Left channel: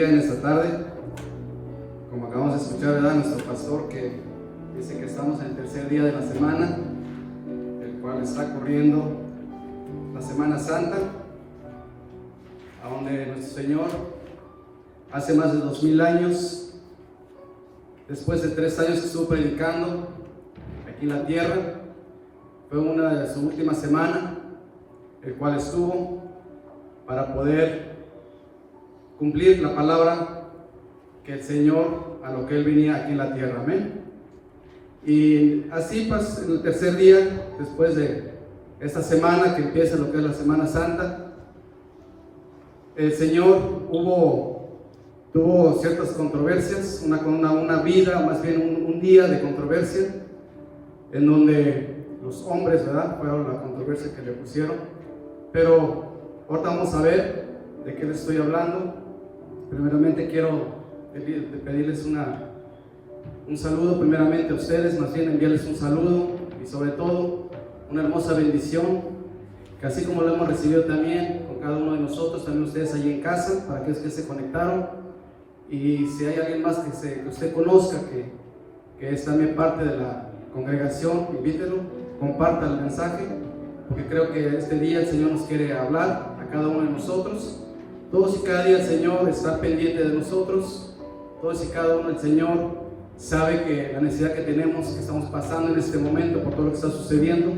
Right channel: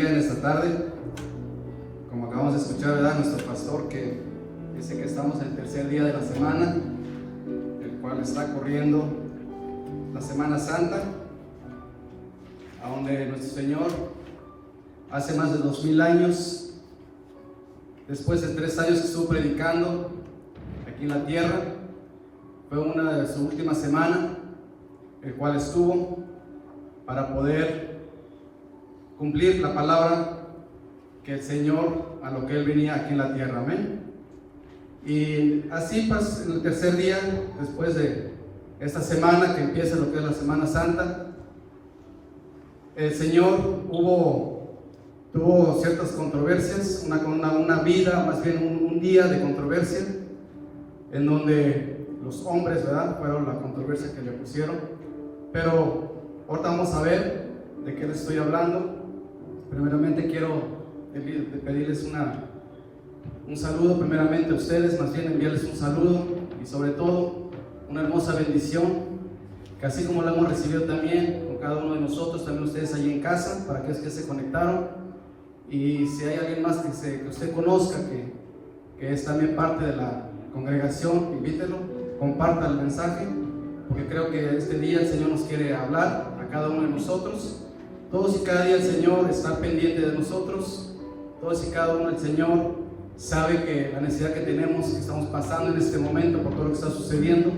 bendiga en esta tarde. Como acabamos de escuchar, ¿verdad? Nuestro pastor que dice que estamos en el tercer día de la semana, el cual está corriendo la Semana Santa, a donde nuestro Señor hace más de 2000 años, después de 3 años que estuvo predicando aquí en la tierra, fue una de sus últimas semanas, el cual estuvo para poder cumplir la palabra que el Señor, a lo que Él venía aquí en la tierra, amén. Y así pues, en el tercer día, después de esta semana que empieza lo que es la Semana Santa, el Señor tuvo ciertas controversias, una vida, más bien un día de controversia, en donde los hombres, ¿verdad?, fueron la controversia que le pusieron. Pero ahorita vamos a ver de qué les estoy hablando. Primeramente quiero pedirles un saludo primeramente a ustedes, más bien enviarles un saludo y sobre todo una hermosa bendición, que así como lo hemos recibido también con cada uno de nosotros, también ustedes allí en casa, para aquellos que se conectaron. Y si hay alguien más que usted conozca, que es también parte de la congregación, invítelo, comparta el mensaje, porque creo que este día el Señor nos quiere hablar a cada uno de nosotros. Todos y cada día el Señor está pendiente de nosotros. Todos y cada uno el Señor sabe que la necesidad que tenemos, que estamos pasando en este momento por todo lo que está sucediendo,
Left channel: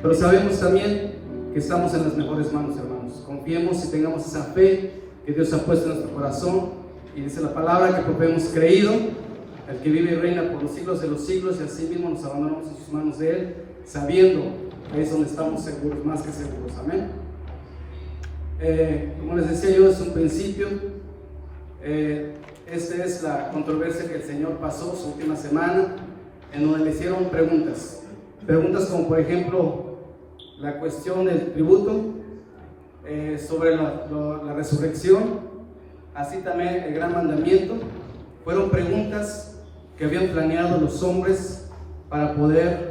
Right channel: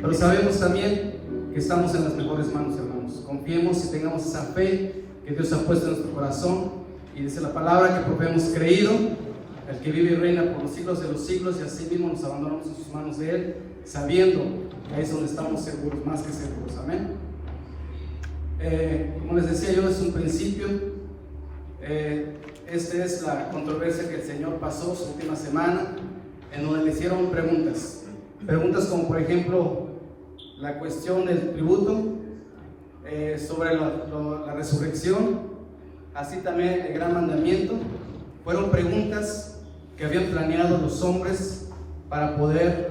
pero sabemos también que estamos en las mejores manos, hermanos. Confiemos y tengamos esa fe que Dios ha puesto en nuestro corazón, y dice la palabra que porque hemos creído, el que vive y reina por los siglos de los siglos, y así mismo nos abandonamos en sus manos de Él, sabiendo que ahí es donde estamos seguros, más que seguros, amén. Como les decía yo desde un principio, esta es la controversia que el Señor pasó su última semana, en donde le hicieron preguntas como por ejemplo la cuestión del tributo, sobre la resurrección, así también el gran mandamiento. Fueron preguntas que habían planeado los hombres para poder,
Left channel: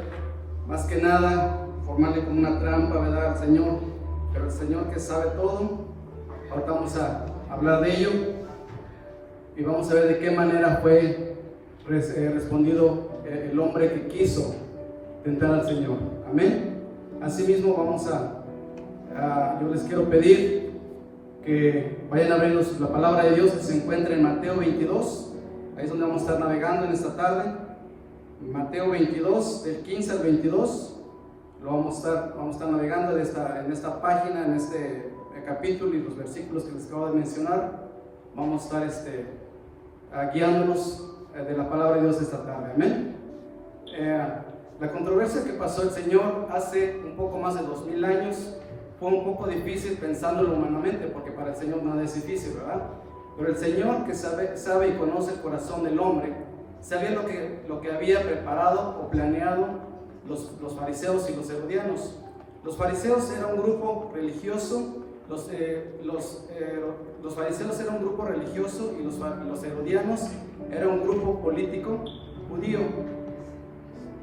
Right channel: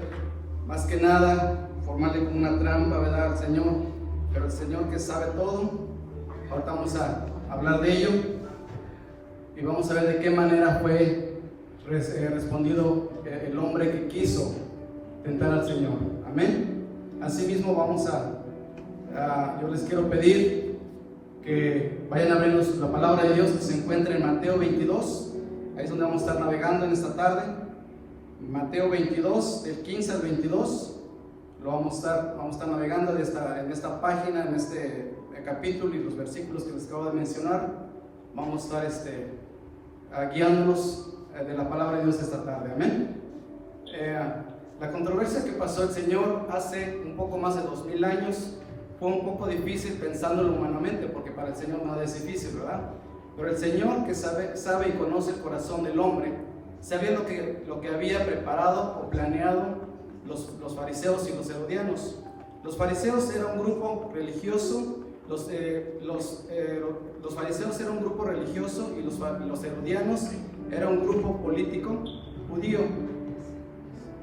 más que nada, formarle como una trampa, ¿verdad?, al Señor. Pero el Señor, que sabe todo, ahorita vamos a hablar de ello y vamos a ver de qué manera fue respondido el hombre que quiso tentar al Señor, amén. Asimismo yo les quiero pedir que vayan a ver la palabra de Dios que se encuentra en Mateo 22, ahí es donde vamos a estar navegando en esta tarde. Mateo 22, del 15 al 22, vamos a estar navegando en esta página, en este capítulo, y los versículos que les acabo de mencionar. Vamos a estar guiándonos de la palabra de Dios esta tarde, amén. La controversia que pasó el Señor hace un poco más de 2000 años fue un poco difícil pensándolo humanamente, porque para el Señor nada es difícil, ¿verdad? Pero el Señor, que sabe y conoce el corazón del hombre, sabía lo que había preparado o planeado los fariseos y los herodianos. Los fariseos eran un grupo religioso, los fariseos eran un grupo religioso, y los herodianos eran un grupo político judío.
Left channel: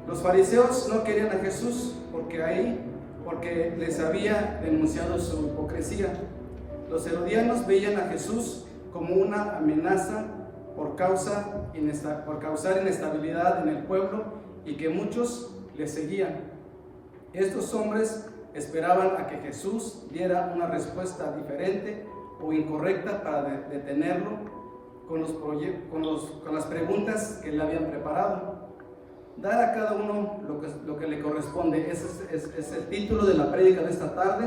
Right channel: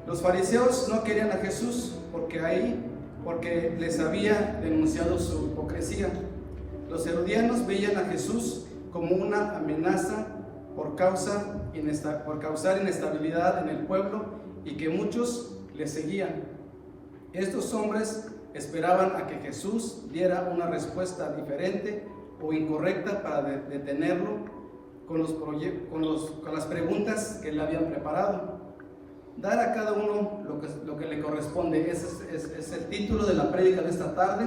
Los fariseos no querían a Jesús porque les había denunciado su hipocresía. Los herodianos veían a Jesús como una amenaza por causar inestabilidad en el pueblo, y que muchos le seguían. Estos hombres esperaban a que Jesús diera una respuesta diferente o incorrecta para detenerlo con las preguntas que le habían preparado. Dar a cada uno lo que le corresponde. Ese es el título de la prédica de esta tarde.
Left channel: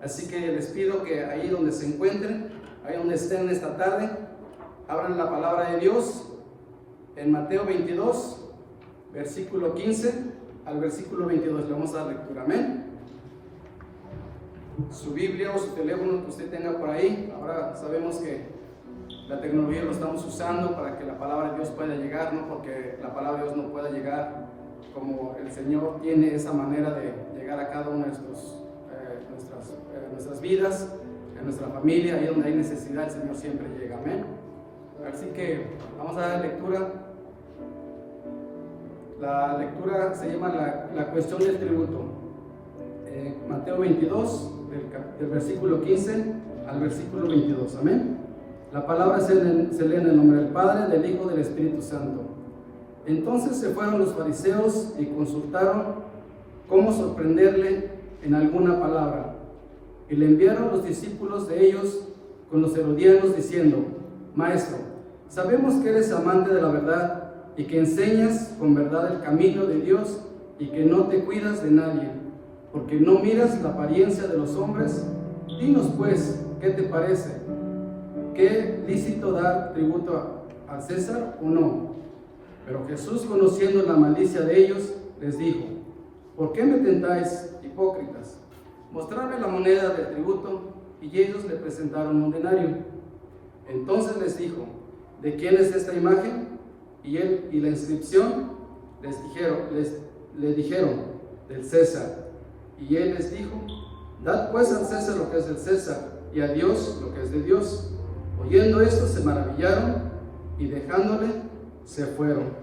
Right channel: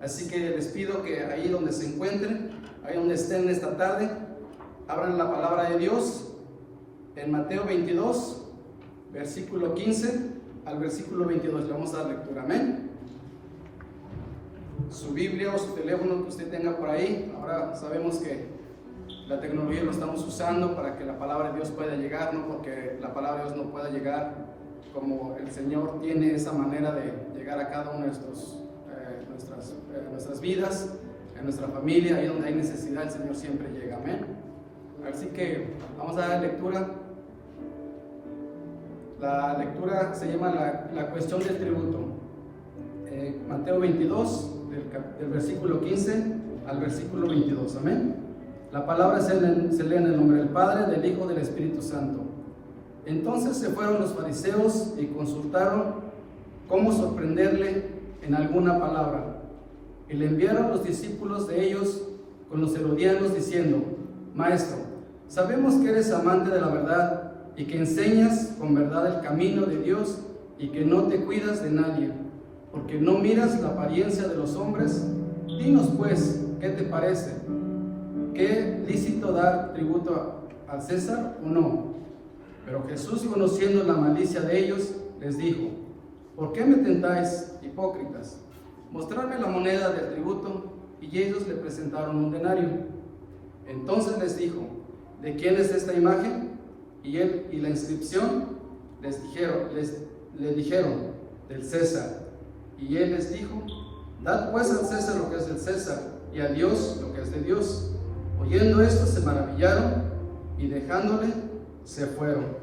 Así que les pido que ahí donde se encuentren, ahí donde estén esta tarde, abran la palabra de Dios en Mateo 22, versículo 15 al versículo 22. Le vamos a dar lectura, amén. Su Biblia o su teléfono que usted tenga por ahí. Ahora sabemos que la tecnología lo estamos usando para que la palabra de Dios pueda llegar, no porque la palabra de Dios no pueda llegar como el Señor tiene esa manera de llegar a cada uno de nuestras vidas, en nuestra familia, ahí donde hay necesidad, el Señor siempre llega, amén. Así que vamos a dar lectura. La lectura se llama la cuestión del tributo. Mateo 22, del versículo 15 al versículo 22, amén. La palabra se lee en el nombre del Padre, del Hijo y del Espíritu Santo. Entonces se fueron los fariseos y consultaron cómo sorprenderle en alguna palabra. Y le enviaron los discípulos de ellos con los herodianos diciendo: Maestro, sabemos que eres amante de la verdad y que enseñas con verdad el camino de Dios y que no te cuidas de nadie, porque no miras la apariencia de los hombres. Dinos pues, ¿qué te parece? ¿Qué lícito dar tributo al César o no? Pero Jesús, conociendo la malicia de ellos, les dijo: ¿Por qué me tentáis, hipócritas? Mostradme la moneda del tributo. Y ellos le presentaron un denario. Entonces les dijo: ¿de quién es esta imagen y la inscripción? Le dijeron: del César. Y él les dijo: dad pues al César lo que es del César, y a Dios lo que es de Dios. Oyendo esto se maravillaron, y dejándole se fueron.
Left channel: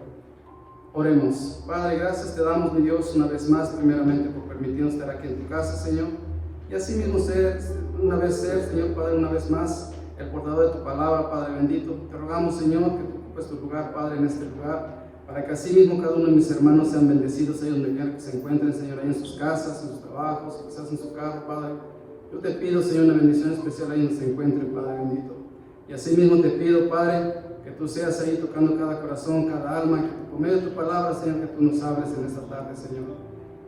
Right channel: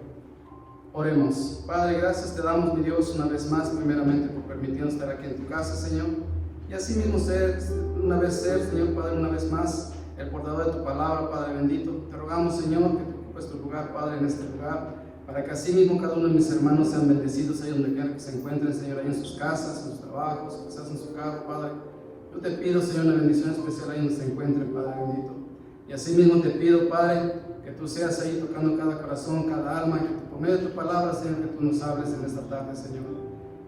Oremos. Padre, gracias te damos, mi Dios, una vez más, primeramente por permitirnos estar aquí en tu casa, Señor, y así mismo ser, Señor Padre, una vez más, el portador de tu palabra, Padre bendito. Te rogamos, Señor, que tú ocupes tu lugar, Padre, en este lugar, para que así mismo cada uno de mis hermanos sean bendecidos, ahí donde quieran que se encuentren, Señor, ahí en sus casas, en sus trabajos, quizás en su carro, Padre. Yo te pido, Señor, una bendición especial ahí donde se encuentren, Padre bendito. Y así mismo te pido, Padre, que tú seas ahí tocando cada corazón, cada alma, que por medio de tu palabra, Señor, que tú nos hables en esta tarde, Señor.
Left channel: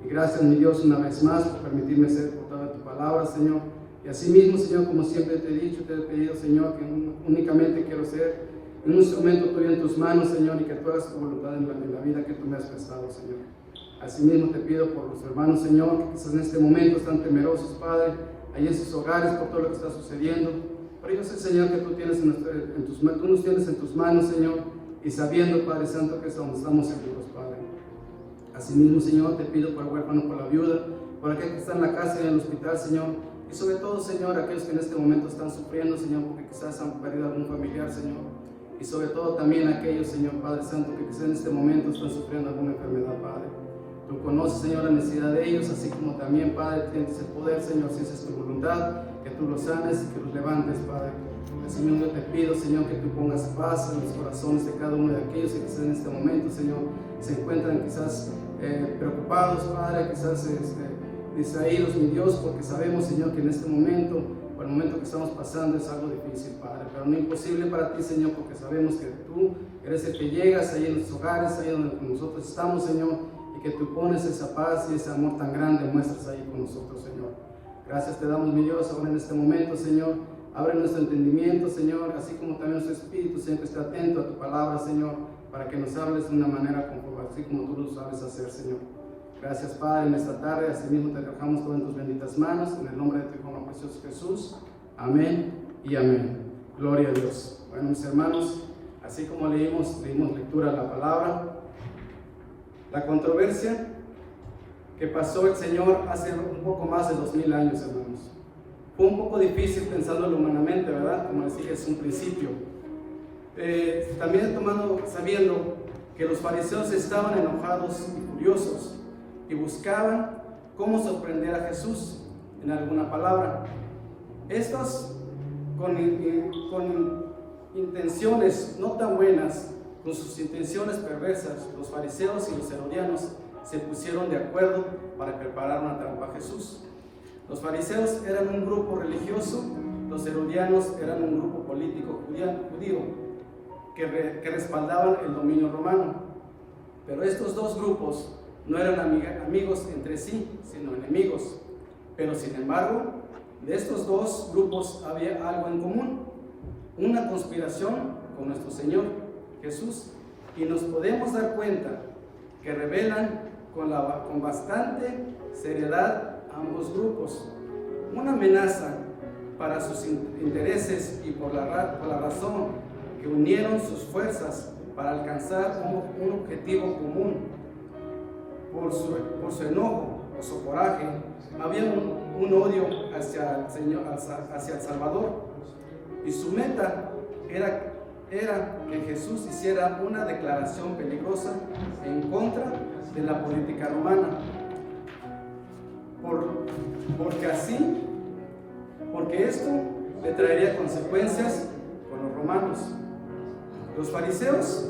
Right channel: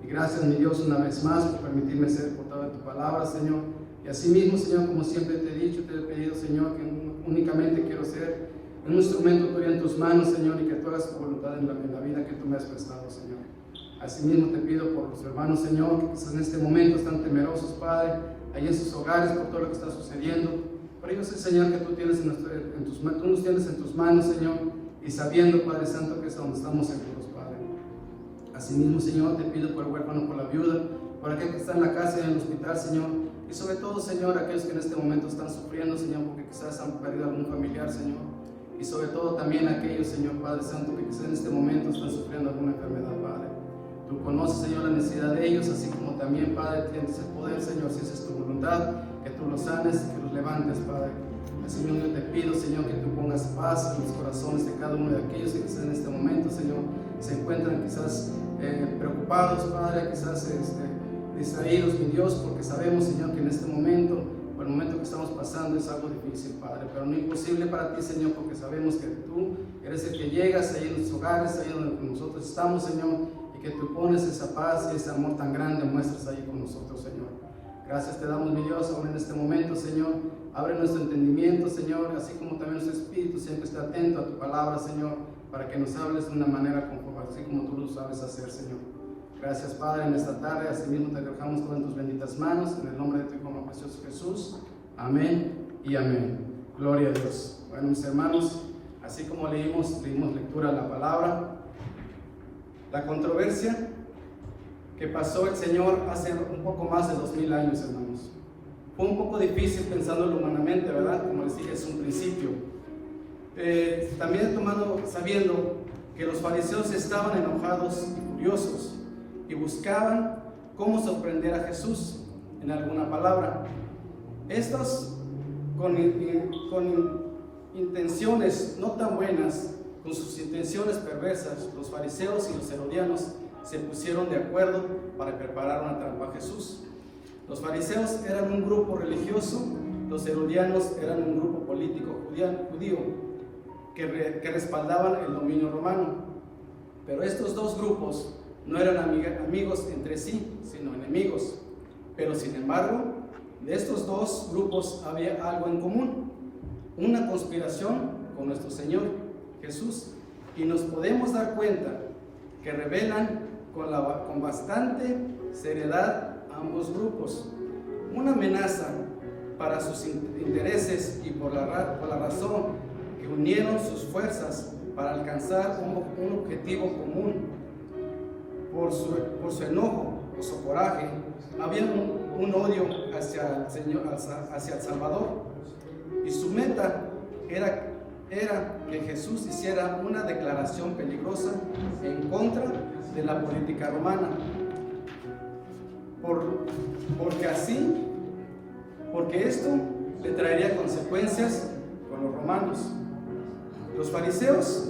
Y gracias, mi Dios, una vez más por permitirme ser el portador de tu palabra, Señor. Y así mismo, Señor, como siempre te he dicho, te he pedido, Señor, que únicamente quiero ser un instrumento tuyo en tus manos, Señor, y que tú hagas tu voluntad en la vida que tú me has prestado, Señor. Así mismo te pido por los hermanos, Señor, que quizás en este momento están temerosos, Padre, ahí en sus hogares por todo lo que está sucediendo. Pero yo sé, Señor, que tú nos tienes en tus manos, Señor, y sabiendo, Padre Santo, que es donde estamos seguros, Padre. Asimismo, Señor, te pido por el huérfano, por la viuda, por aquel que está en la casa y en el hospital, Señor, y sobre todo, Señor, aquellos que en este momento están sufriendo, Señor, porque quizás han perdido algún familiar, Señor, y sobre todo también aquellos, Señor, Padre Santo, que quizás en este momento están sufriendo alguna enfermedad, Padre. Tú conoces, Señor, la necesidad de ellos, así como también, Padre, tienes el poder, Señor, si esa es tu voluntad, que tú los sanes y que los levantes, Padre. Señor, yo te pido, Señor, que tú pongas paz en los corazones de cada uno de aquellos que quizás en este momento, Señor, se encuentran quizás preocupados, Padre, quizás distraídos, mi Dios, porque sabemos, Señor, que en este momento, por el momento que estamos pasando, es algo difícil, Padre, pero no imposible para ti, Señor, porque sabemos que tú eres el que llegas ahí en nuestros hogares, ahí donde nosotros estamos, Señor, y que tú pones esa paz y ese amor tan grande, muestras ahí con nosotros, Señor. Gracias te damos, mi Dios, ahora en este momento, Señor. Abre nuestro entendimiento, Señor, así como también nuestro espíritu, Señor, que esté atento a tu palabra, Señor, para que nos hables de una manera conforme, así como tú lo sabes hacer, Señor. Gracias, Padre, en esta tarde, así mismo te dejamos todo en tus benditas manos, en el nombre de tu Hijo precioso Jesús. Amén y amén. Gloria a Dios. Bueno, mis hermanos, así como dimos lectura a la palabra, la controversia que pasó el Señor hace un poco más de 2000 años, hermanos. Fue un poco difícil pensándolo humanamente, ¿verdad? Como les dije, es un principio. También sabiendo que los fariseos estaban enojados y furiosos y buscaban cómo sorprender a Jesús en alguna palabra. Estos con intenciones no tan buenas, con sus intenciones perversas, los fariseos y los herodianos se pusieron de acuerdo para preparar una trampa a Jesús. Los fariseos eran un grupo religioso, los herodianos eran un grupo político judío que respaldaban el dominio romano. Pero estos dos grupos no eran amigos entre sí, sino enemigos. Pero sin embargo, de estos dos grupos había algo en común, una conspiración con nuestro Señor Jesús, y nos podemos dar cuenta que revelan con bastante seriedad ambos grupos una amenaza para sus intereses y por la razón que unieron sus fuerzas para alcanzar un objetivo común. Por su enojo o su coraje había un odio hacia el Señor, hacia el Salvador, y su meta era que Jesús hiciera una declaración peligrosa en contra de la política romana, porque esto le traería consecuencias con los romanos. Los fariseos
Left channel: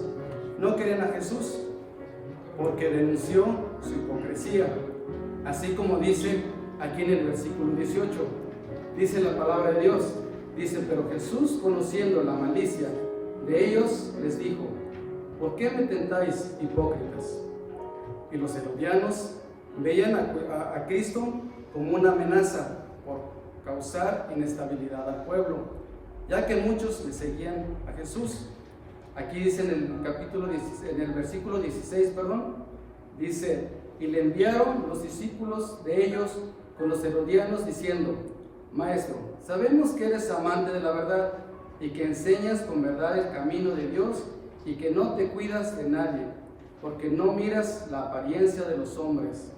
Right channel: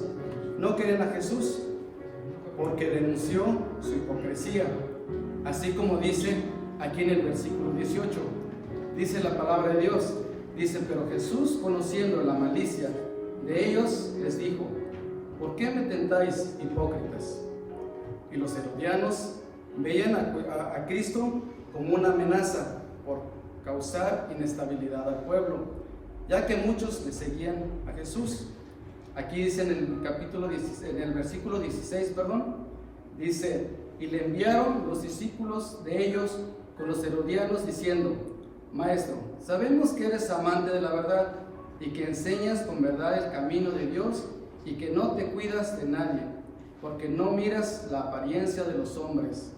no querían a Jesús porque denunció su hipocresía, así como dice aquí en el versículo 18. Dice la palabra de Dios, dice: pero Jesús, conociendo la malicia de ellos, les dijo: ¿por qué me tentáis, hipócritas? Y los herodianos veían a Cristo como una amenaza por causar inestabilidad al pueblo, ya que muchos le seguían a Jesús. Aquí dice en el versículo 16, dice: y le enviaron los discípulos de ellos con los herodianos diciendo: Maestro, sabemos que eres amante de la verdad y que enseñas con verdad el camino de Dios y que no te cuidas de nadie, porque no miras la apariencia de los hombres.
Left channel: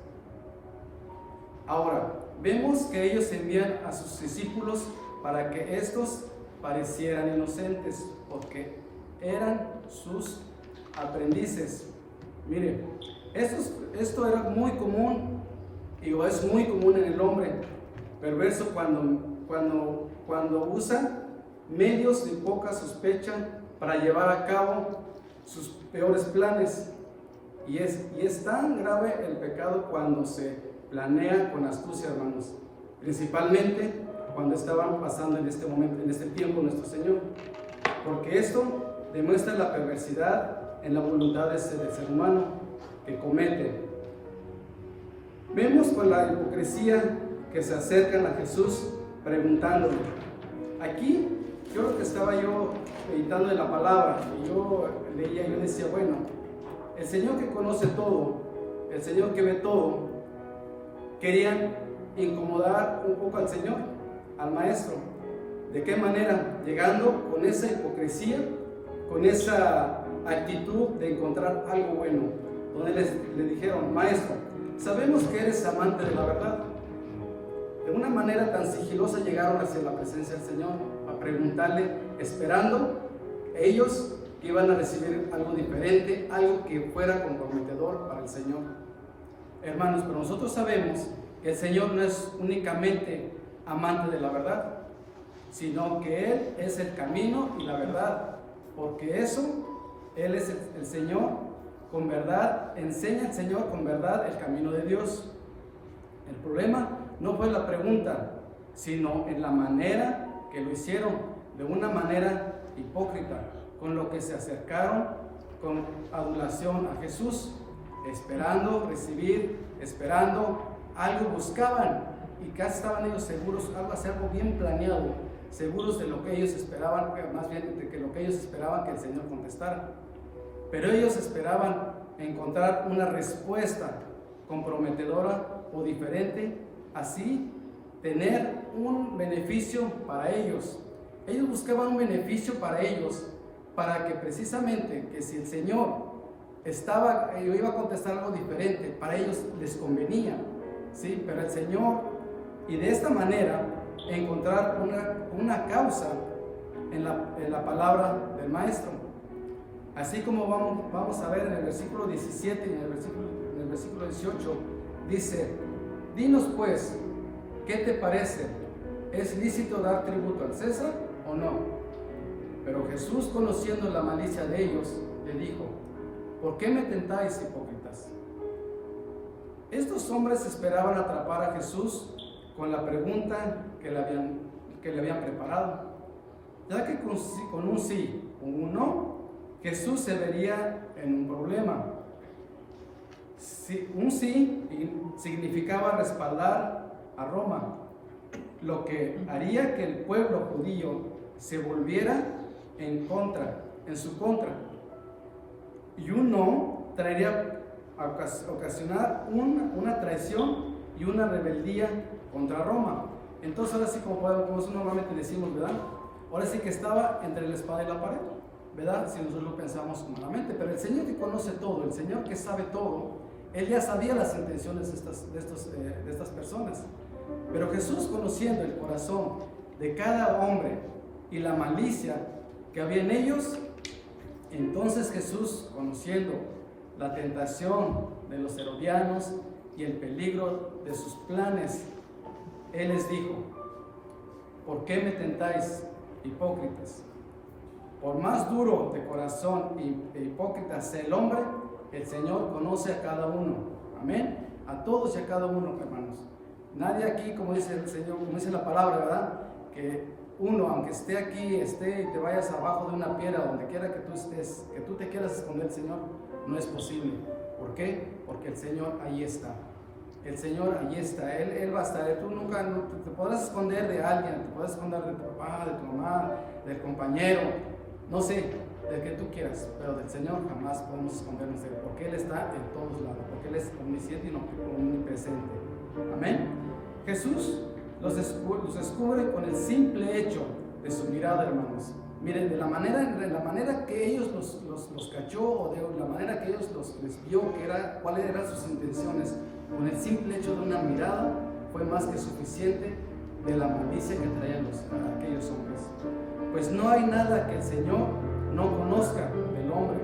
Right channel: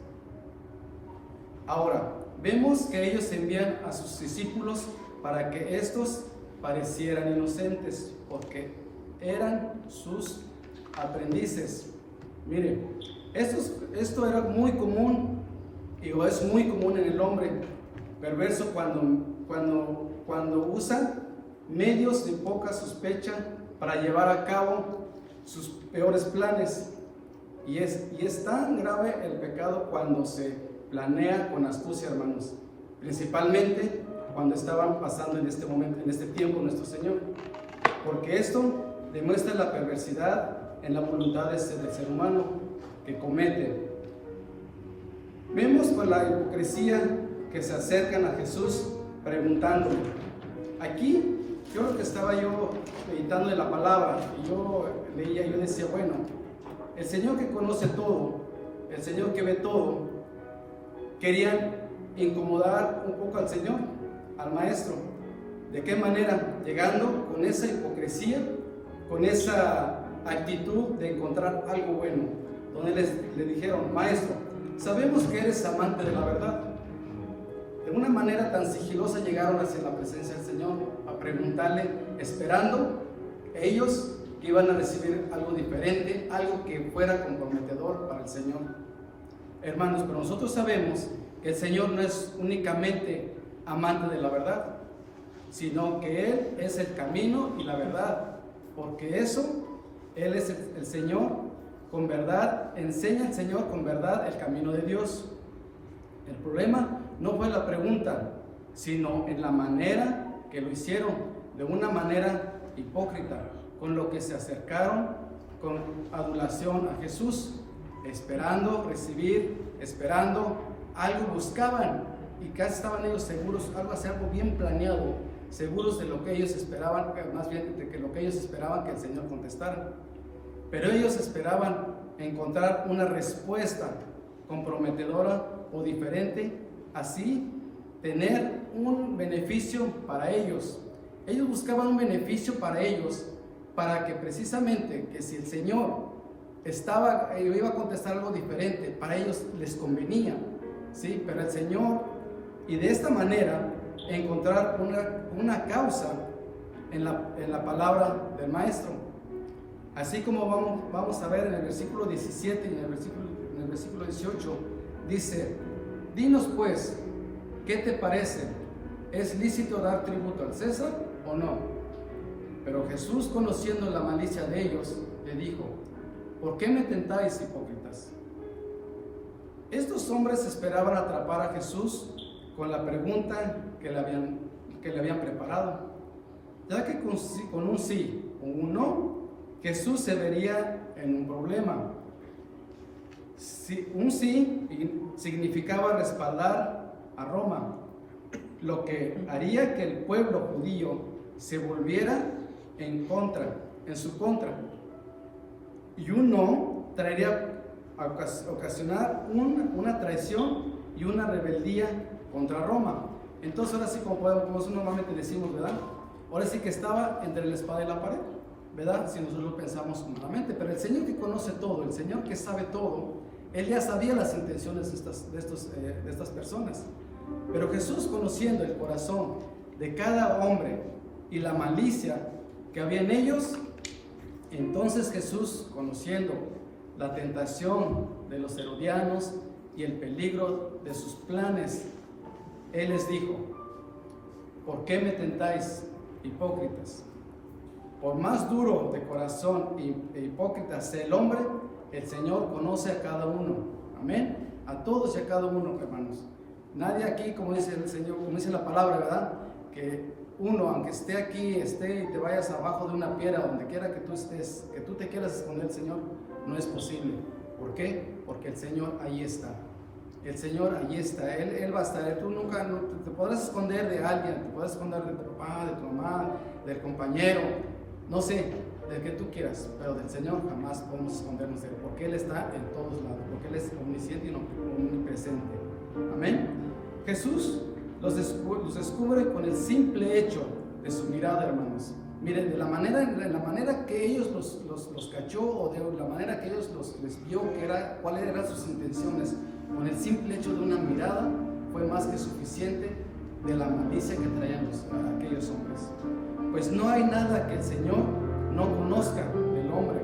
Ahora, vemos que ellos envían a sus discípulos para que estos parecieran inocentes, porque eran sus aprendices. Mire, esto era muy común, y es muy común en el hombre perverso cuando usa medios de poca sospecha para llevar a cabo sus peores planes. Y es tan grave el pecado cuando se planea con astucia, hermanos, principalmente cuando estaban pasando en este momento, en este tiempo, nuestro Señor, porque esto demuestra la perversidad en la voluntad del ser humano que comete. Vemos con la hipocresía que se acercan a Jesús preguntándole. Aquí, yo lo que estaba yo meditando en la palabra, y yo leía, yo decía, bueno, el Señor que conoce todo, el Señor que ve todo, querían incomodar un poco al Señor, al Maestro. ¿De qué manera? Llegando con esa hipocresía, con esa actitud de encontrar algo bueno, donde le dijeron: Maestro, sabemos que eres amante de la verdad. De una manera tan sigilosa llegaron hacia la presencia del Señor a preguntarle, esperando ellos que iban a recibir algo diferente, algo que fuera comprometedor para el Señor. Hermanos, pero nosotros sabemos que el Señor no es únicamente amante de la verdad, sino que Él es el camino y la verdad, porque Él es el Señor con verdad, enseña el Señor con verdad el camino de Dios. El problema no fue la pregunta, sino en la manera que lo hicieron, de una manera hipócrita, con lo que se acercaron con adulación a Jesús, esperando recibir, esperando algo, buscaban, y casi estaban ellos seguros, algo bien planeado, seguros de lo que ellos esperaban, más bien de lo que ellos esperaban que el Señor contestara. Pero ellos esperaban encontrar una respuesta comprometedora o diferente, así tener un beneficio para ellos. Ellos buscaban un beneficio para ellos, para que precisamente que si el Señor iba a contestar algo diferente, para ellos les convenía, ¿sí? Pero el Señor, y de esta manera encontrar una causa en la palabra del Maestro. Así como vamos a ver en el versículo 17 y en el versículo 18, dice: dinos pues, ¿qué te parece? ¿Es lícito dar tributo al César o no? Pero Jesús, conociendo la malicia de ellos, le dijo: ¿por qué me tentáis, hipócritas? Estos hombres esperaban atrapar a Jesús con la pregunta que le habían preparado, ya que con un sí o un no, Jesús se vería en un problema. Un sí significaba respaldar a Roma, lo que haría que el pueblo judío se volviera en su contra. Y un no traería a ocasionar una traición y una rebeldía contra Roma. Entonces ahora sí, como normalmente decimos, ¿verdad? Ahora sí que estaba entre la espada y la pared, ¿verdad? Si nosotros lo pensamos humanamente. Pero el Señor que conoce todo, el Señor que sabe todo, Él ya sabía las intenciones de estas personas. Pero Jesús, conociendo el corazón de cada hombre y la malicia que había en ellos, entonces Jesús, conociendo la tentación de los herodianos y el peligro de sus planes, Él les dijo: ¿por qué me tentáis, hipócritas? por más duro de corazón e hipócrita sea el hombre, el Señor conoce a cada uno. Amén. A todos y a cada uno, hermanos. Nadie aquí, como dice el Señor, como dice la palabra, ¿verdad? Que uno, aunque esté aquí, y te vayas abajo de una piedra, donde quiera que tú estés, que tú te quieras esconder, Señor, no es posible. ¿Por qué? Porque el Señor ahí está. El Señor ahí está, Él va a estar. Tú nunca te podrás esconder de alguien, te podrás esconder de tu papá, de tu mamá, del compañero, no sé, del que tú quieras, pero del Señor jamás podemos escondernos de Él, porque Él está en todos lados, porque Él es omnisciente y omnipresente. Amén. Jesús los descubre con el simple hecho de su mirada, hermanos. Miren, de la manera que ellos los cachó, o de la manera que ellos les vio cuáles eran sus intenciones, con el simple hecho de una mirada, fue más que suficiente de la malicia que traían aquellos hombres. Pues no hay nada que el Señor no conozca del hombre.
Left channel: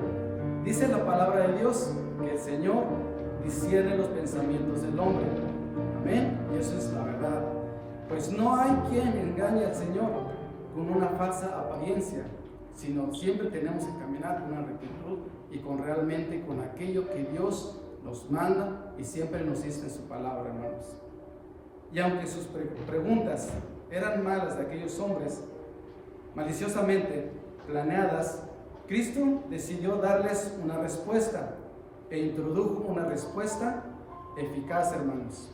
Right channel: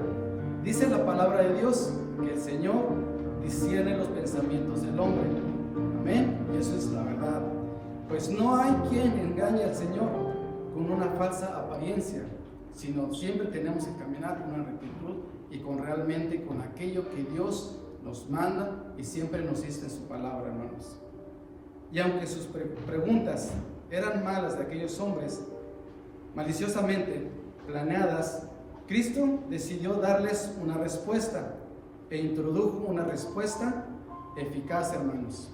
Dice la palabra de Dios que el Señor discierne los pensamientos del hombre. Amén. Y eso es la verdad. Pues no hay quien engañe al Señor con una falsa apariencia, sino siempre tenemos que caminar con una rectitud y realmente con aquello que Dios nos manda y siempre nos dice en su palabra, hermanos. Y aunque sus preguntas eran malas de aquellos hombres, maliciosamente planeadas, Cristo decidió darles una respuesta e introdujo una respuesta eficaz, hermanos,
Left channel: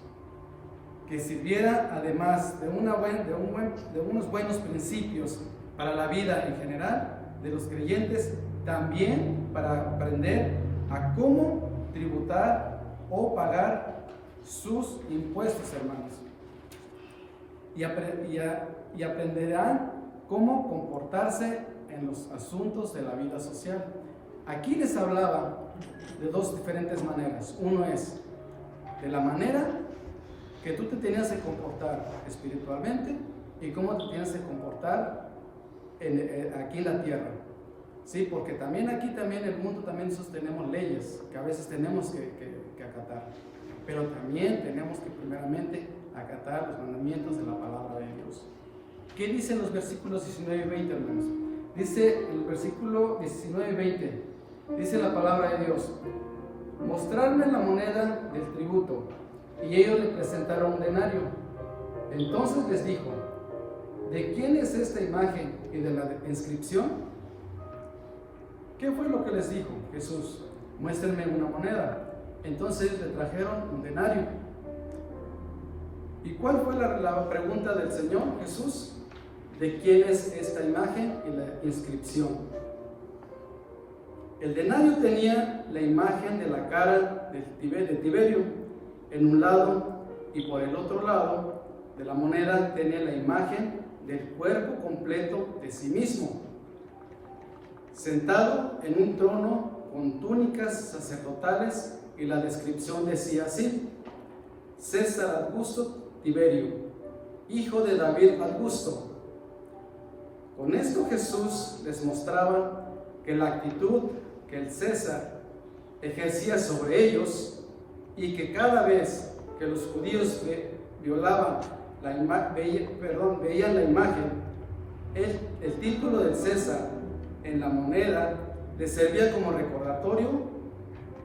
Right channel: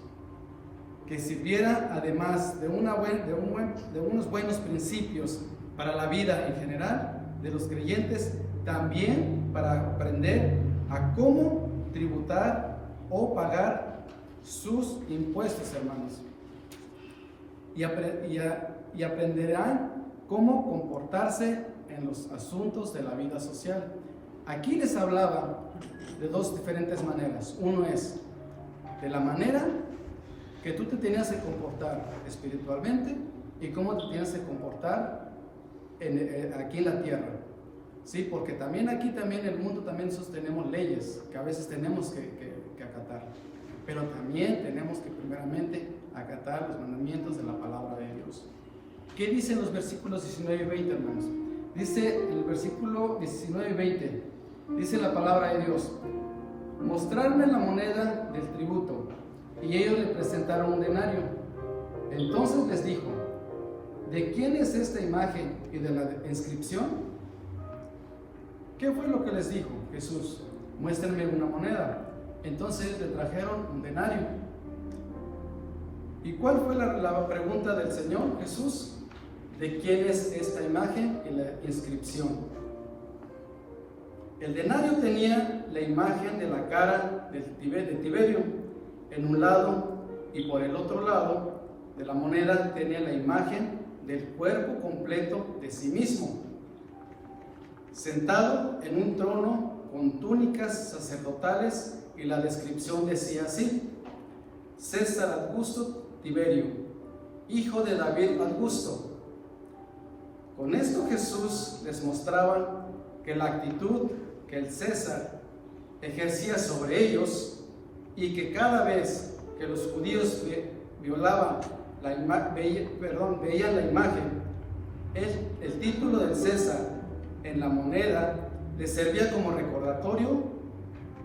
que sirviera además de unos buenos principios para la vida en general de los creyentes, también para aprender a cómo tributar o pagar sus impuestos, hermanos, y aprenderán cómo comportarse en los asuntos de la vida social. Aquí les hablaba de dos diferentes maneras. Uno es de la manera que tú te tenías que comportar espiritualmente y cómo te tienes que comportar aquí en la tierra. Sí, porque también aquí, también en el mundo, también nosotros tenemos leyes que a veces tenemos que acatar, pero también tenemos que primeramente acatar los mandamientos de la palabra de Dios. ¿Qué dicen los versículos 19 y 20, hermanos? Dice el versículo 19 y 20, dice la palabra de Dios: mostrarme la moneda del tributo. Y ellos le presentaron un denario. Entonces les dijo: ¿de quién es esta imagen y de la inscripción? ¿Qué fue lo que les dijo Jesús? Muéstrenme una moneda. Entonces le trajeron un denario. ¿Y cuál fue la pregunta del Señor Jesús? ¿De quién es esta imagen y la inscripción? El denario tenía la imagen de la cara de Tiberio en un lado, y por el otro lado de la moneda tenía la imagen del cuerpo completo de sí mismo, sentado en un trono con túnicas sacerdotales, y la descripción decía así: César Augusto Tiberio, hijo de David Augusto. Con esto Jesús les mostraba que la actitud que el César ejercía sobre ellos, y que cada vez que los judíos veían la imagen, el título del César en la moneda les servía como recordatorio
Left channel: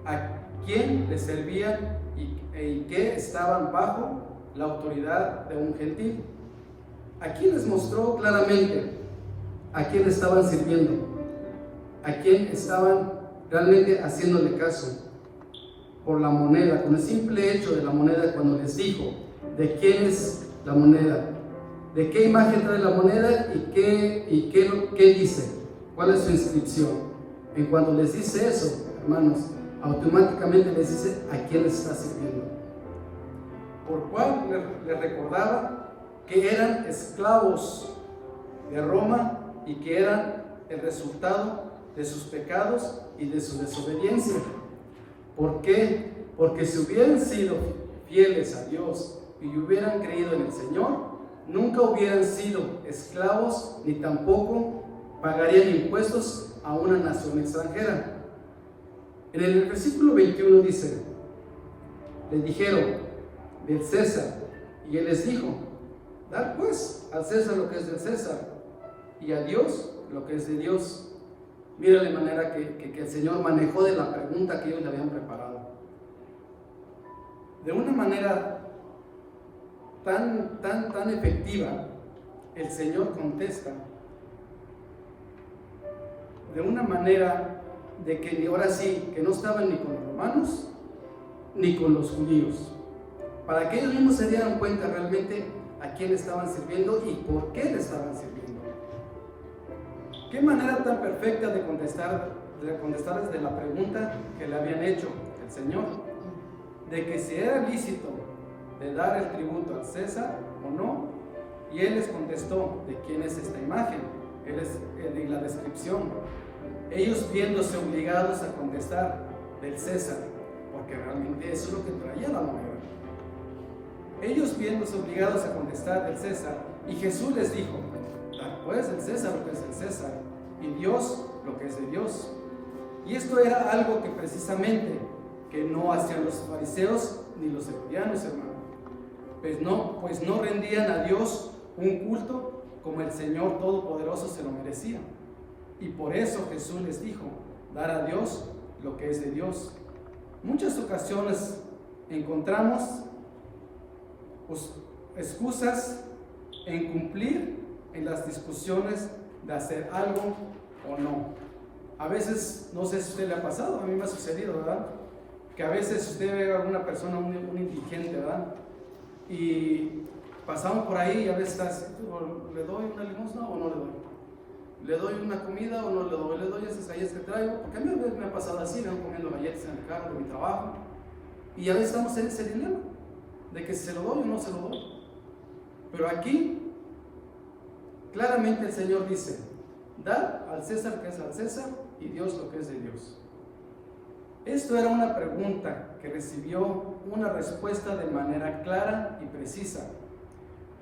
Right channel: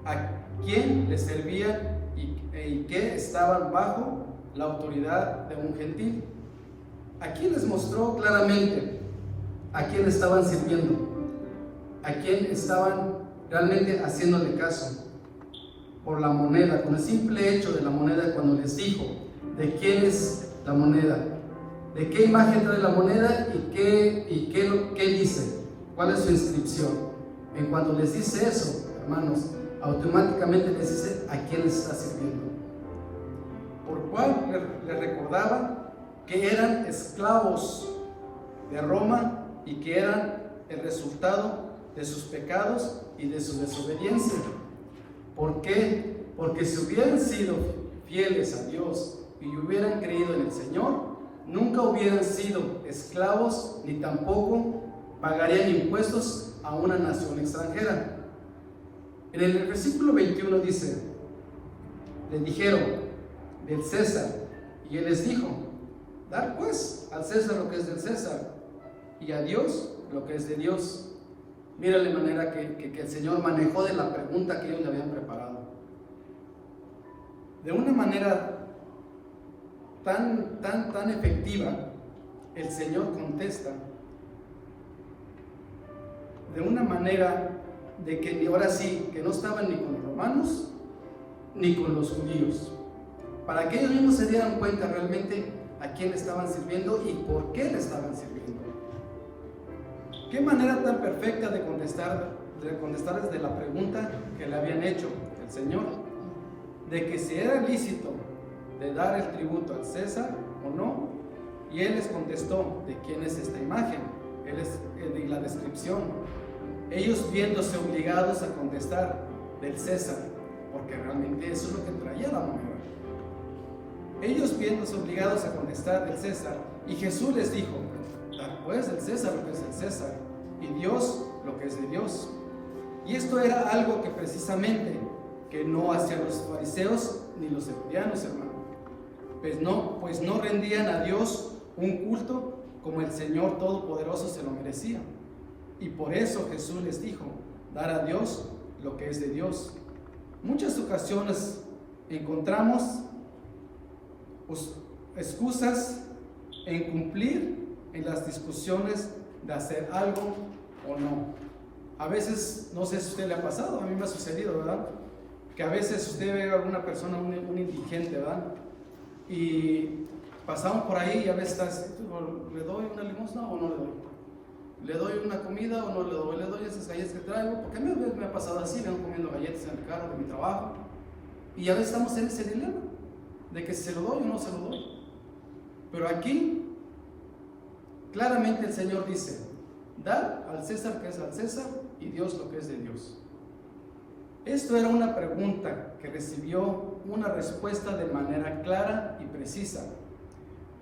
a quién les servía y que estaban bajo la autoridad de un gentil. Aquí les mostró claramente a quién estaban sirviendo, a quién estaban realmente haciéndole caso. Por la moneda, con el simple hecho de la moneda, cuando les dijo de quién es la moneda, de qué imagen trae la moneda y qué dice, cuál es su inscripción. En cuanto les dice eso, hermanos, automáticamente les dice a quién les está sirviendo. Por cual les recordaba que eran esclavos de Roma y que eran el resultado de sus pecados y de su desobediencia. ¿Por qué? Porque si hubieran sido fieles a Dios y hubieran creído en el Señor, nunca hubieran sido esclavos ni tampoco pagarían impuestos a una nación extranjera. En el versículo 21 dice: le dijeron del César, y él les dijo: dar pues al César lo que es del César, y a Dios lo que es de Dios. Mira la manera que el Señor manejó de la pregunta que ellos le habían preparado. De una manera tan efectiva, el Señor contesta de una manera de que ahora sí, que no estaban ni con los romanos ni con los judíos, para que ellos mismos se dieran cuenta realmente a quién le estaban sirviendo y por qué le estaban sirviendo. Qué manera tan perfecta de contestarles de la pregunta que le habían hecho el Señor, de que si era lícito de dar el tributo al César o no, y Él les contestó de quién es esta imagen, Él es de la descripción. Ellos viéndose obligados a contestar del César, porque realmente eso es lo que traía la moneda. Ellos viéndose obligados a contestar del César, y Jesús les dijo: dar pues el César lo que es del César, y Dios lo que es de Dios. Y esto era algo que precisamente que no hacían los fariseos ni los herodianos, hermano. Pues no rendían a Dios un culto como el Señor Todopoderoso se lo merecía. Y por eso Jesús les dijo: dar a Dios lo que es de Dios. Muchas ocasiones encontramos excusas en cumplir en las discusiones de hacer algo o no. A veces, no sé si a usted le ha pasado, a mí me ha sucedido, ¿verdad? Que a veces usted ve a alguna persona, un indigente, ¿verdad? Y pasamos por ahí y a veces ¿le doy una limosna o no le doy? ¿Le doy una comida o no le doy? ¿Le doy esas galletas que traigo? Porque a mí a veces me ha pasado así, me van comiendo galletas en el carro de mi trabajo. Y a veces estamos en ese dilema de que si se lo doy o no se lo doy. Pero aquí, claramente el Señor dice: dar al César que es al César y Dios lo que es de Dios. Esto era una pregunta que recibió una respuesta de manera clara y precisa,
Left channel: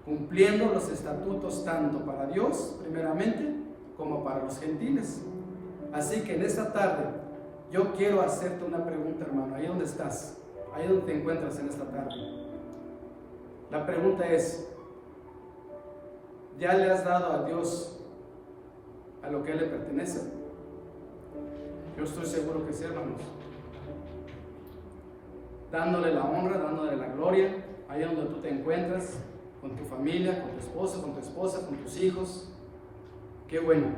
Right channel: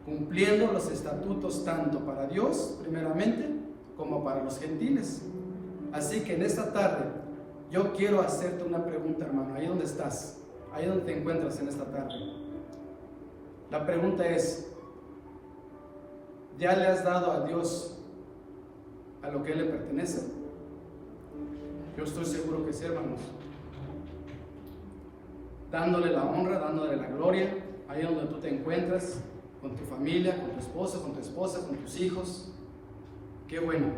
cumpliendo los estatutos tanto para Dios, primeramente, como para los gentiles. Así que en esta tarde yo quiero hacerte una pregunta, hermano, ahí donde estás, ahí donde te encuentras en esta tarde. La pregunta es: ¿ya le has dado a Dios a lo que Él le pertenece? Yo estoy seguro que sí, hermanos. Dándole la honra, dándole la gloria, ahí donde tú te encuentras, con tu familia, con tu esposo, con tu esposa, con tus hijos. Qué bueno,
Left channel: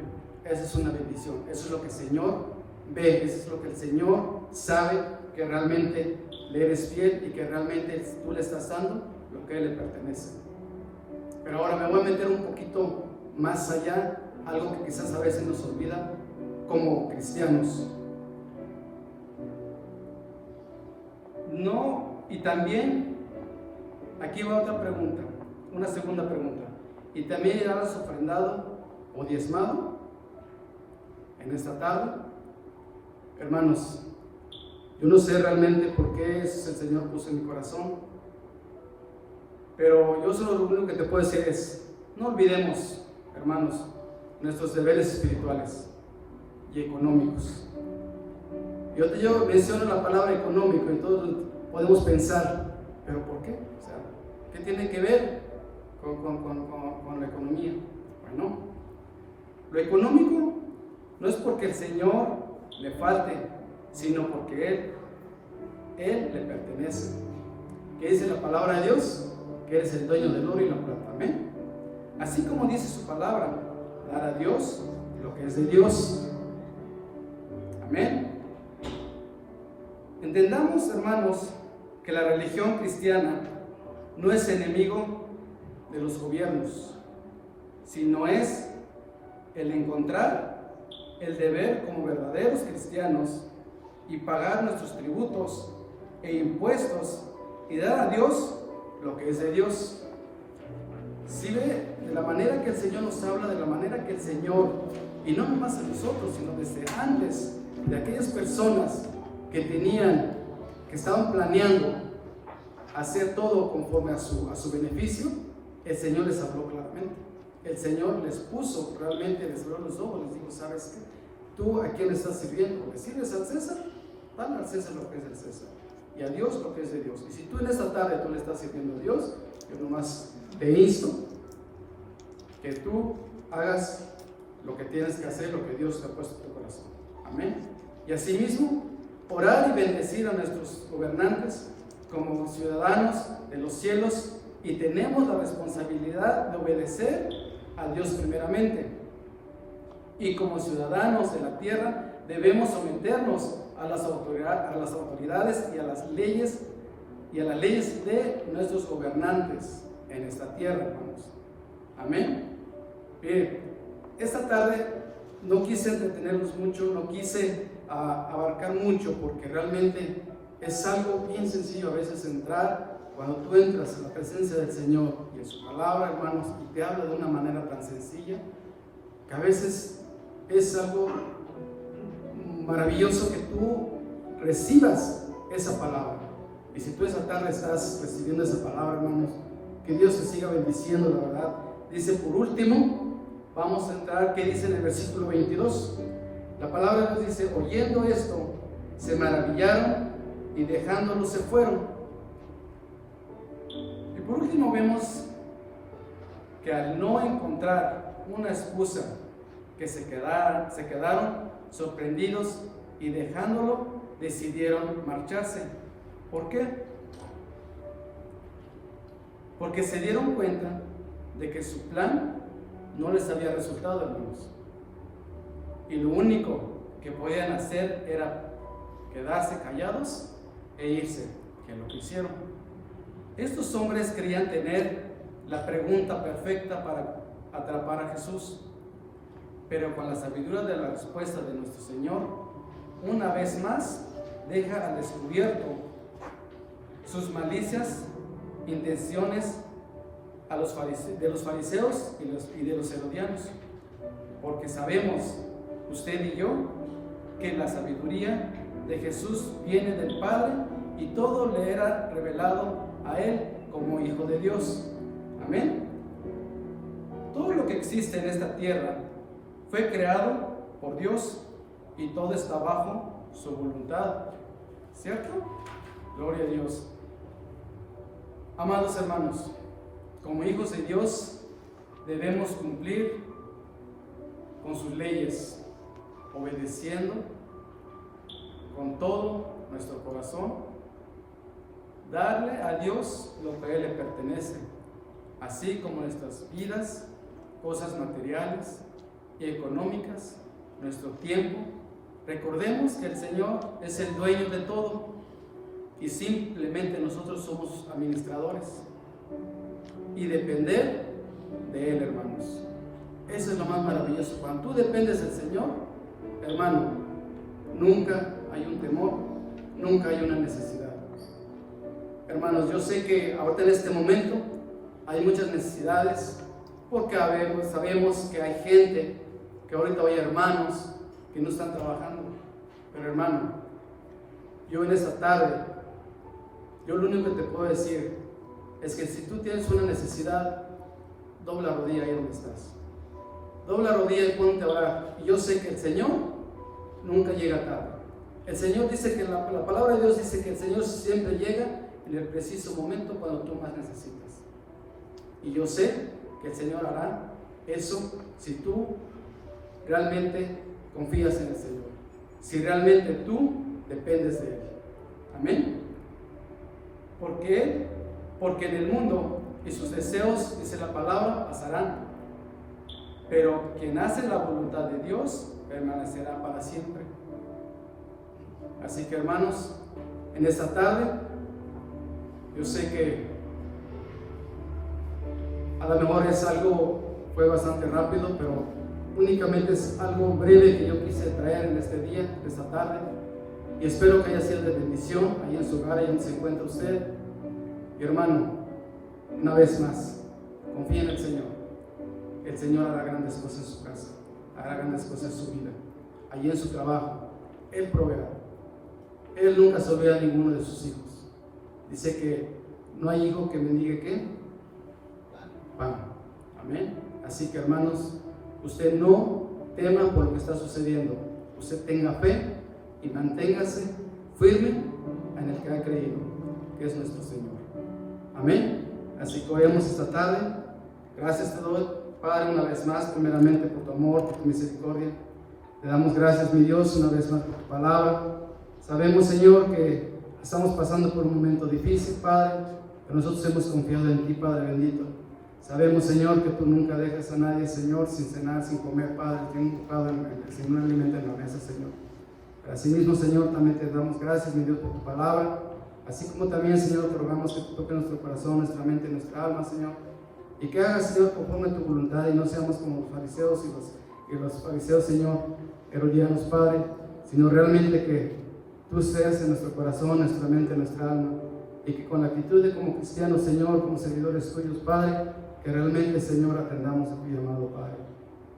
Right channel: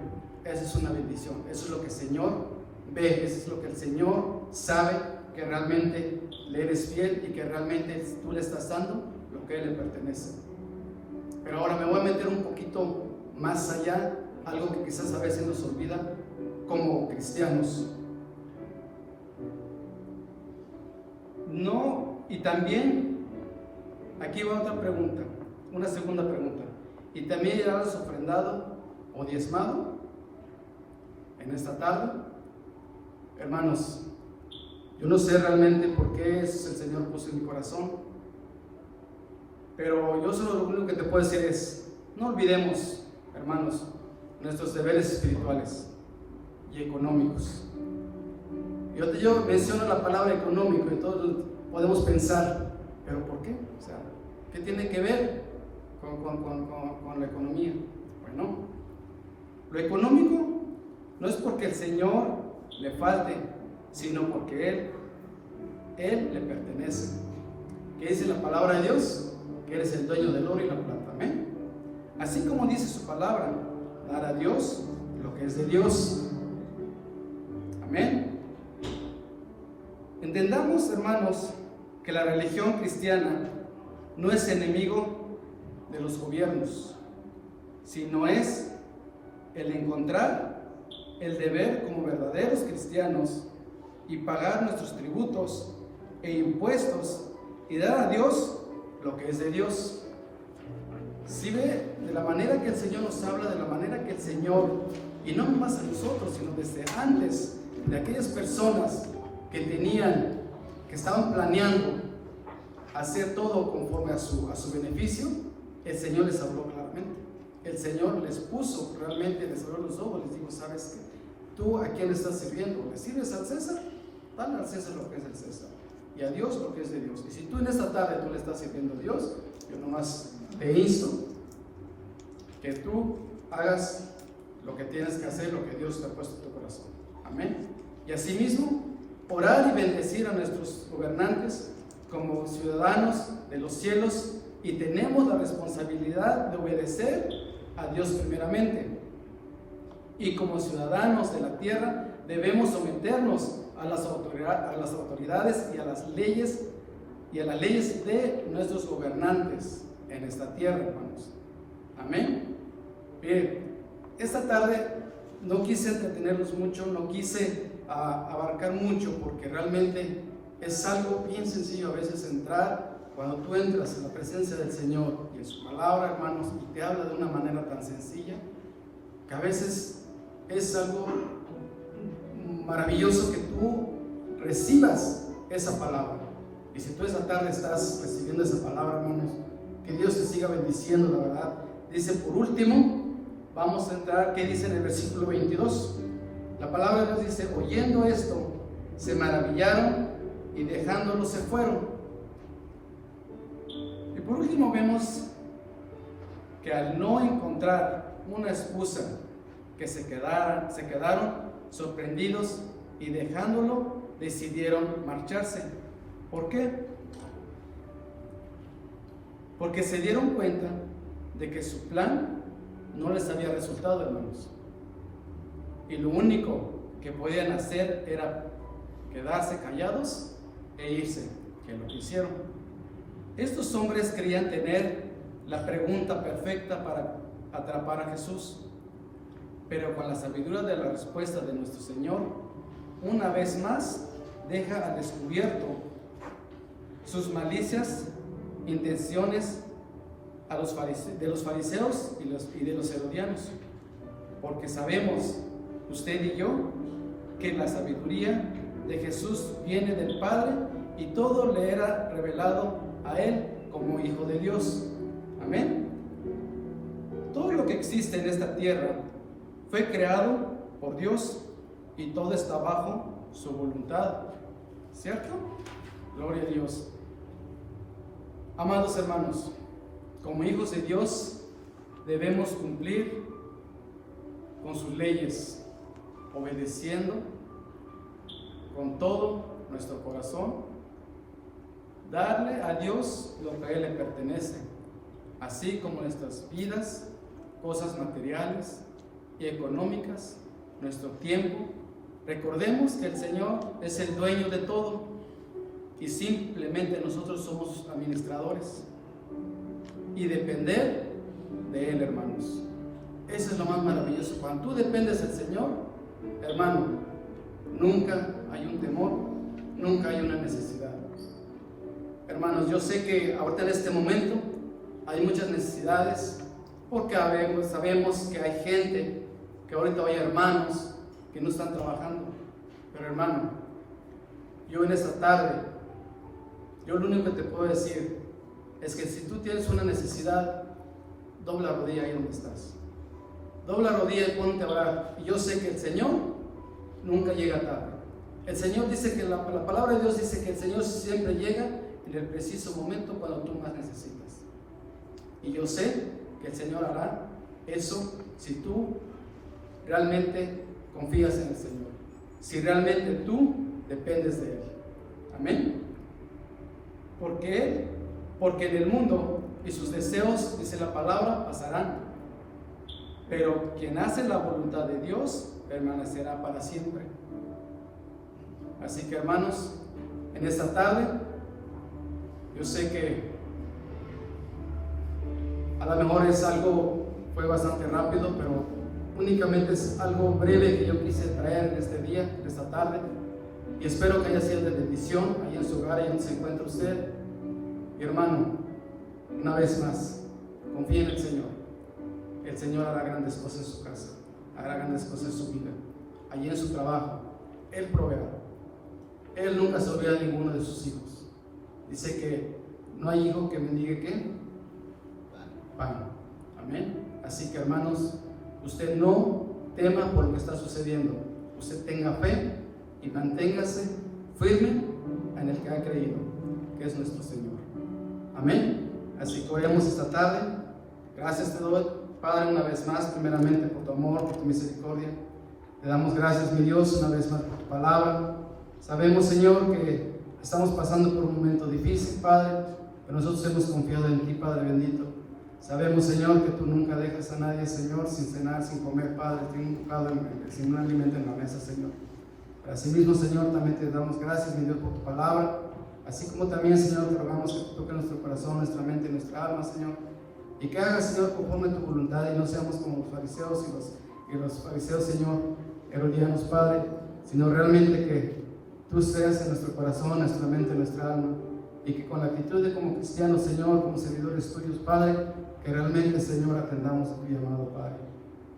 esa es una bendición, eso es lo que el Señor ve, eso es lo que el Señor sabe, que realmente le eres fiel y que realmente tú le estás dando lo que a Él le pertenece. Pero ahora me voy a meter un poquito más allá, algo que quizás a veces nos olvida como cristianos. No, y también, aquí va otra pregunta, una segunda pregunta. ¿Y también ya has ofrendado o diezmado en esta tarde? Hermanos, yo no sé realmente por qué el Señor puso en mi corazón, pero yo solo lo único que te puedo decir es: no olvidemos, hermanos, nuestros deberes espirituales y económicos. Yo menciono la palabra económico y todos podemos pensar, ¿pero por qué? O sea, ¿qué tiene que ver con la economía? Bueno, lo económico no es porque el Señor le falte, sino porque Él le pertenece. ¿Qué dice la palabra de Dios? Que eres el dueño del oro y la plata. Amén. Así como dice su palabra, dar a Dios lo que es de Dios. Amén. Entendamos, hermanos, que la religión cristiana no es enemigo de los gobiernos, sino es el encontrar el deber como verdaderos cristianos y pagar nuestros tributos e impuestos y dar a Dios lo que es de Dios. Si ve de la manera que el Señor nos habla, de la manera que el Señor, y no más a nosotros, sino desde antes de aquellas personas que estaban planeando hacer todo conforme a su beneficio, el Señor les habló claramente. El Señor les puso, realmente les abrió los ojos, les dijo: ¿sabes qué? ¿Tú a quién le estás sirviendo? ¿Le sirves al César? Dale al César lo que es del César y a Dios lo que es de Dios. Y si tú en esta tarde tú le estás sirviendo a Dios, yo nomás te insto que tú hagas lo que tienes que hacer, lo que Dios te ha puesto en tu corazón. Amén. Y asimismo, orar y bendecir a nuestros gobernantes como ciudadanos de los cielos, y tenemos la responsabilidad de obedecer a Dios primeramente. Y como ciudadanos de la tierra debemos someternos a las autoridades y a las leyes de nuestros gobernantes en esta tierra, hermanos. Amén. Bien, esta tarde no quise entretenerlos mucho, no quise abarcar mucho, porque realmente es algo bien sencillo a veces entrar. Cuando tú entras en la presencia del Señor y en su palabra, hermanos, y te habla de una manera tan sencilla, que a veces es algo maravilloso que tú recibas esa palabra. Y si tú esa tarde estás recibiendo esa palabra, hermanos, que Dios te siga bendiciendo, la verdad. Dice, por último, vamos a entrar, ¿qué dice en el versículo 22? La palabra nos dice, oyendo esto, se maravillaron y dejándolo se fueron. Y por último vemos que al no encontrar una excusa, que se quedaron sorprendidos y dejándolo, decidieron marcharse. ¿Por qué? Porque se dieron cuenta de que su plan no les había resultado, hermanos. Y lo único que podían hacer era quedarse callados e irse, que es lo que hicieron. Estos hombres creían tener la pregunta perfecta para atrapar a Jesús, pero con la sabiduría de la respuesta de nuestro Señor, una vez más deja al descubierto sus malicias, intenciones de los fariseos y de los herodianos, porque sabemos, usted y yo, que la sabiduría de Jesús viene del Padre y todo le era revelado a Él como Hijo de Dios. Amén. Todo lo que existe en esta tierra fue creado por Dios y todo está bajo su voluntad, ¿cierto? Gloria a Dios. Amados hermanos, como hijos de Dios debemos cumplir con sus leyes, obedeciendo con todo nuestro corazón, darle a Dios lo que a Él le pertenece, así como nuestras vidas, cosas materiales y económicas, nuestro tiempo. Recordemos que el Señor es el dueño de todo y simplemente nosotros somos administradores, y depender de Él, hermanos. Eso es lo más maravilloso. Cuando tú dependes del Señor, hermano, nunca hay un temor, nunca hay una necesidad. Hermanos, yo sé que ahorita en este momento hay muchas necesidades, porque sabemos que hay gente, que ahorita hay hermanos que no están trabajando. Pero hermano, yo en esta tarde, yo lo único que te puedo decir es que si tú tienes una necesidad, dobla rodilla ahí donde estás. Dobla rodilla y ponte a orar. Y yo sé que el Señor nunca llega tarde. El Señor dice que la palabra de Dios dice que el Señor siempre llega en el preciso momento cuando tú más necesitas. Y yo sé que el Señor hará eso si tú realmente confías en el Señor, si realmente tú dependes de Él. Amén. Porque en el mundo y sus deseos, dice la palabra, pasarán, pero quien hace la voluntad de Dios permanecerá para siempre. Así que hermanos, en esta tarde, yo sé que a lo mejor fue bastante rápido, pero únicamente es algo breve que yo quise traer en este día, en esta tarde, y espero que haya sido de bendición ahí en su hogar, ahí donde se encuentra usted. Y hermano, una vez más, confíe en el Señor. El Señor hará grandes cosas en su casa, hará grandes cosas en su vida, allí en su trabajo. Él proveerá. Él nunca se olvida de ninguno de sus hijos. Dice que no hay hijo que mendigue ¿qué? Pan. Amén. Así que hermanos, usted no tema por lo que está sucediendo. Usted tenga fe y manténgase firme en el que ha creído, que es nuestro Señor. Amén. Así que oremos esta tarde. Gracias te doy Padre, una vez más, primeramente por tu amor, por tu misericordia. Te damos gracias, mi Dios, una vez más por tu palabra. Sabemos, Señor, que estamos pasando por un momento difícil, Padre, pero nosotros hemos confiado en ti, Padre bendito. Sabemos, Señor, que tú nunca dejas a nadie, Señor, sin cenar, sin comer, Padre, sin un alimento en la mesa, Señor. Pero asimismo, Señor, también te damos gracias, mi Dios, por tu palabra. Así como también, Señor, te rogamos que toque nuestro corazón, nuestra mente, nuestra alma, Señor. Y que hagas, Señor, conforme a tu voluntad y no seamos como los fariseos y los fariseos, Señor, herodianos, Padre, sino realmente que tú seas en nuestro corazón, nuestra mente, nuestra alma. Y que con la actitud de como cristianos, Señor, como servidores tuyos, Padre, que realmente, Señor, atendamos a tu llamado, Padre.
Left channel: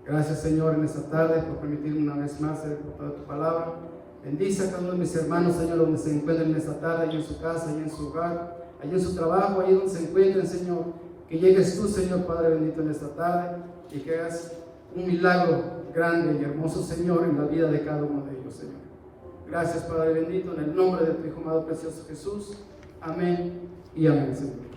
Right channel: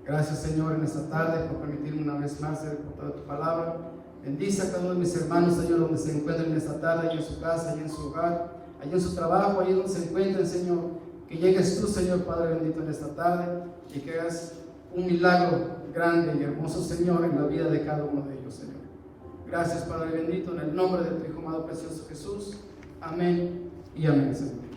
Gracias, Señor, en esta tarde por permitirme una vez más ser portador de tu palabra. Bendice a cada uno de mis hermanos, Señor, donde se encuentren en esta tarde, allí en su casa, allí en su hogar, allí en su trabajo, allí donde se encuentren, Señor. Que llegues tú, Señor, Padre bendito, en esta tarde y que hagas un milagro grande y hermoso, Señor, en la vida de cada uno de ellos, Señor. Gracias, Padre bendito, en el nombre de tu Hijo amado precioso Jesús. Amén y amén, Señor.